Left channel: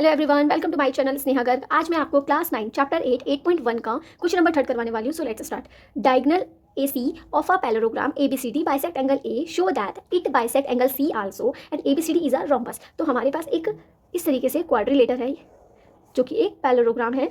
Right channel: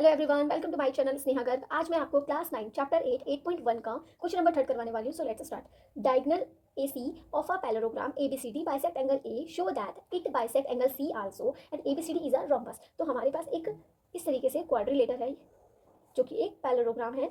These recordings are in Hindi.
Hello everyone, welcome to my channel Sneha Garg. आज मैं आपको क्लास 9 चैप्टर 8 8.1 का क्वेश्चन नंबर 3 करवाने वाली हूँ। So let's start. Diagonal AC of a parallelogram ABCD bisect angle A, show that it bisect angle C also and ABCD is a rhombus। तो हमारे पास एक इस तरीके से क्वाड्रिलेटर है जो कि एक पैरेललोग्राम है,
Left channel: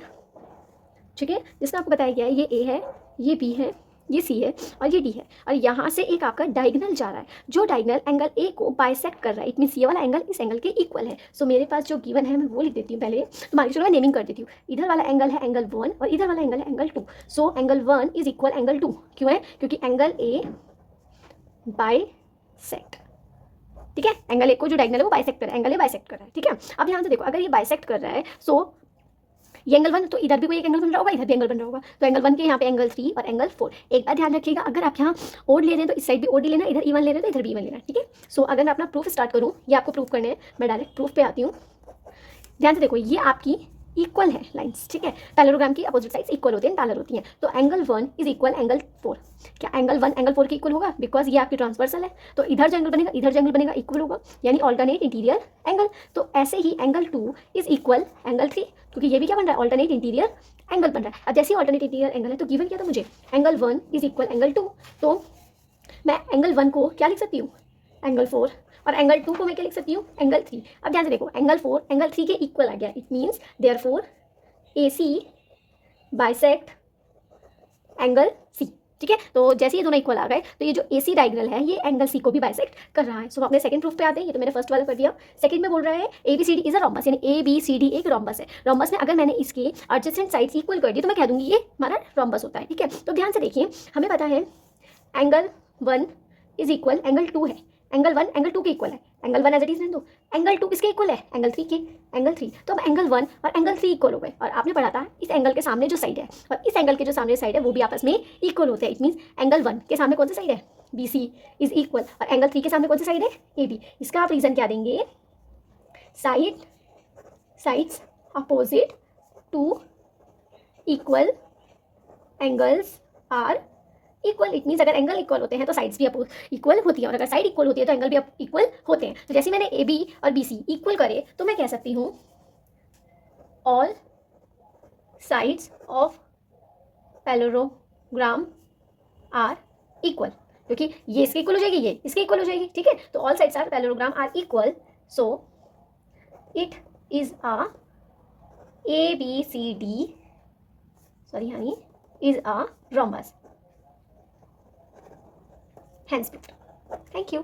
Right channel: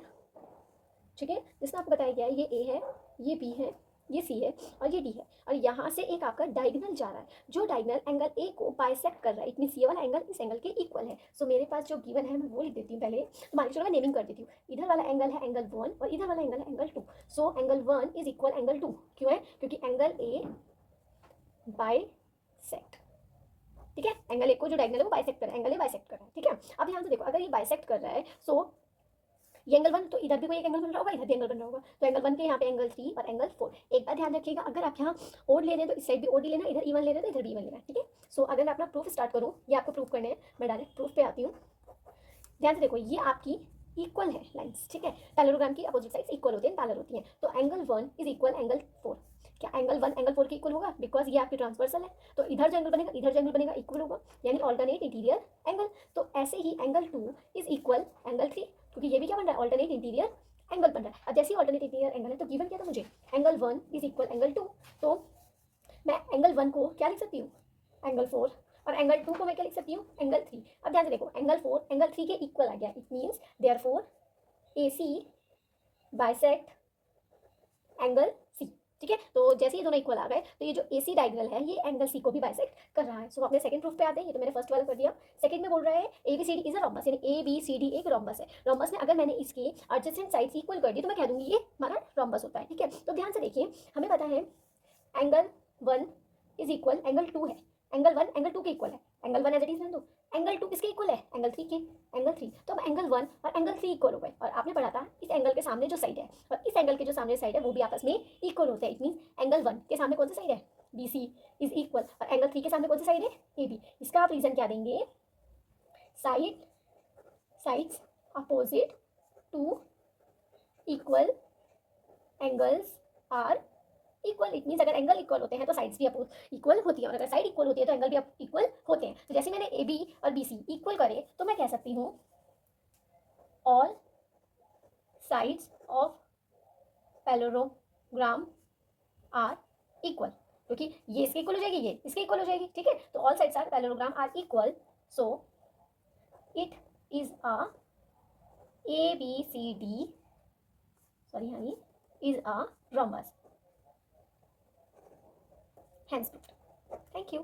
ठीक है, जिसका आपको बताया गया है ये A है, ये B है, ये C है और ये D है। और यहाँ से एक आपका डायगोनल जा रहा है जो डायगोनल एंगल A को बाइसेक्ट कर रहा है। इट मीन्स ये वाला एंगल इस एंगल के इक्वल है। सो मेरे पास जो गिवन है मैं वो लिख देती हूँ पहले। तो मान लीजिए मैं नेमिंग कर देती हूँ। इधर वाला एंगल है एंगल 1 और इधर वाला एंगल है angle 2। So angle 1 is equal angle 2। क्यों है? क्योंकि एंगल A बाइसेक्ट, ठीक है, एंगल A को जो डायगोनल है वो बाइसेक्ट कर रहा है, एंगल A बाइसेक्ट कर रहा है, ठीक है। अब यहाँ से देखो, अगर ये बाइसेक्ट कर रहा है सो ये एंगल 1, तो इधर भी कोई एक एंगल बन रहा होगा, इधर भी एंगल बन रहा होगा। तो एंगल 1 के यहाँ पे एंगल 3 और एंगल 4। एक बात ध्यान रखिएगा, अगर आप यहाँ ओड ले रहे हैं तो इस साइड भी ओड ही लेना, इधर इवन ले रहे हैं तो इधर भी इवन लेना, ठीक है। सो अगर मैं अपना प्रूफ स्टार्ट करूँ, ये आपको प्रूफ करने हैं, मैं डायरेक्ट प्रूफ पे आती हूँ। ध्यान से देखो, ये आपकी इक्वल है लाइंस, ठीक है। पैरेललोग्राम की अपोजिट साइड्स इक्वल होते हैं, पैरेलल होती हैं। तो एंगल 1 इज इक्वल एंगल 4। क्या एंगल 1 एंगल 4 के इक्वल होगा? बिकॉज ये आपकी ट्रांसवर्सल है, तो इधर जो एंगल बनेगा इधर जो एंगल बनेगा इक्वल होगा, यानी ऑल्टरनेट इंटीरियर एंगल। तो ऐसे ही एंगल 2 इज इक्वल एंगल 3, क्योंकि ये भी क्या बन रहा है? ऑल्टरनेट इंटीरियर एंगल बन रहा है। अब जैसे ही ऑल्टरनेट इंटीरियर एंगल है तो गिवन क्या था मुझे? Angle 1 is equal angle 2। तो मैं एंगल 1 को क्या लिख सकती हूँ? एंगल 4। और एंगल 2 को मैं क्या लिख सकती हूँ? एंगल 3। अब ध्यान से देखो, एंगल 4 एंगल 3 के इक्वल आ गया। It means therefore AC bisect angle C, ठीक है। तो जैसे ये दोनों इक्वल आ गए तो ये जो AC डायगोनल है ये एंगल C को भी बाइसेक्ट कर रहा है। सो अपने सेकंड प्रूफ पे आते हैं। ये तो मैंने फर्स्ट वाला कर दिया। सेकंड में बोल रहा है ABCD इज अ रोम्बस, यानी ABCD एक रोम्बस है। रोम्बस में अगर मैंने इसके एडजेसेंट साइड्स इक्वल कर दी तो मैं कह दूंगी ये हमारा रोम्बस होता है, ठीक है। तो ध्यान से देखिए, हमें पता है एंगल 1 इज इक्वल एंगल 2 है। एंगल 1 एंगल 2 के इक्वल है। एंगल 1 एज इट इज रहने दो। एंगल 2 किसके इक्वल है? एंगल 3 के। एंगल 3, तो अब एंगल 1 और एंगल 3 इक्वल हो गए। और आपने पढ़ा था इस एंगल के सामने जो साइड है और इस एंगल के जो सामने साइड है वो भी आपस में इक्वल होते हैं। इट मीन्स एंगल 1 के सामने कौन सा साइड है? BC इज इक्वल, और एंगल 3 के सामने कौन सा साइड है? AB। इसका आप रीजन क्या देंगे? Sides opposite to equal angles are equal. It means अगर एंगल इक्वल होते हैं तो साइड्स भी इक्वल होती है, और अगर साइड इक्वल होती है तो एंगल भी इक्वल होते हैं। तो जैसे मैंने AB और BC इक्वल करे तो मैं कह सकती हूँ all sides of parallelogram are equal, क्योंकि ये इसके इक्वल हो जाएगी, ये इसके इक्वल हो जाएगी, ठीक है। तो all sides are parallelogram are equal, so it is a ABCD honey is a rhombus. Hence, thank you.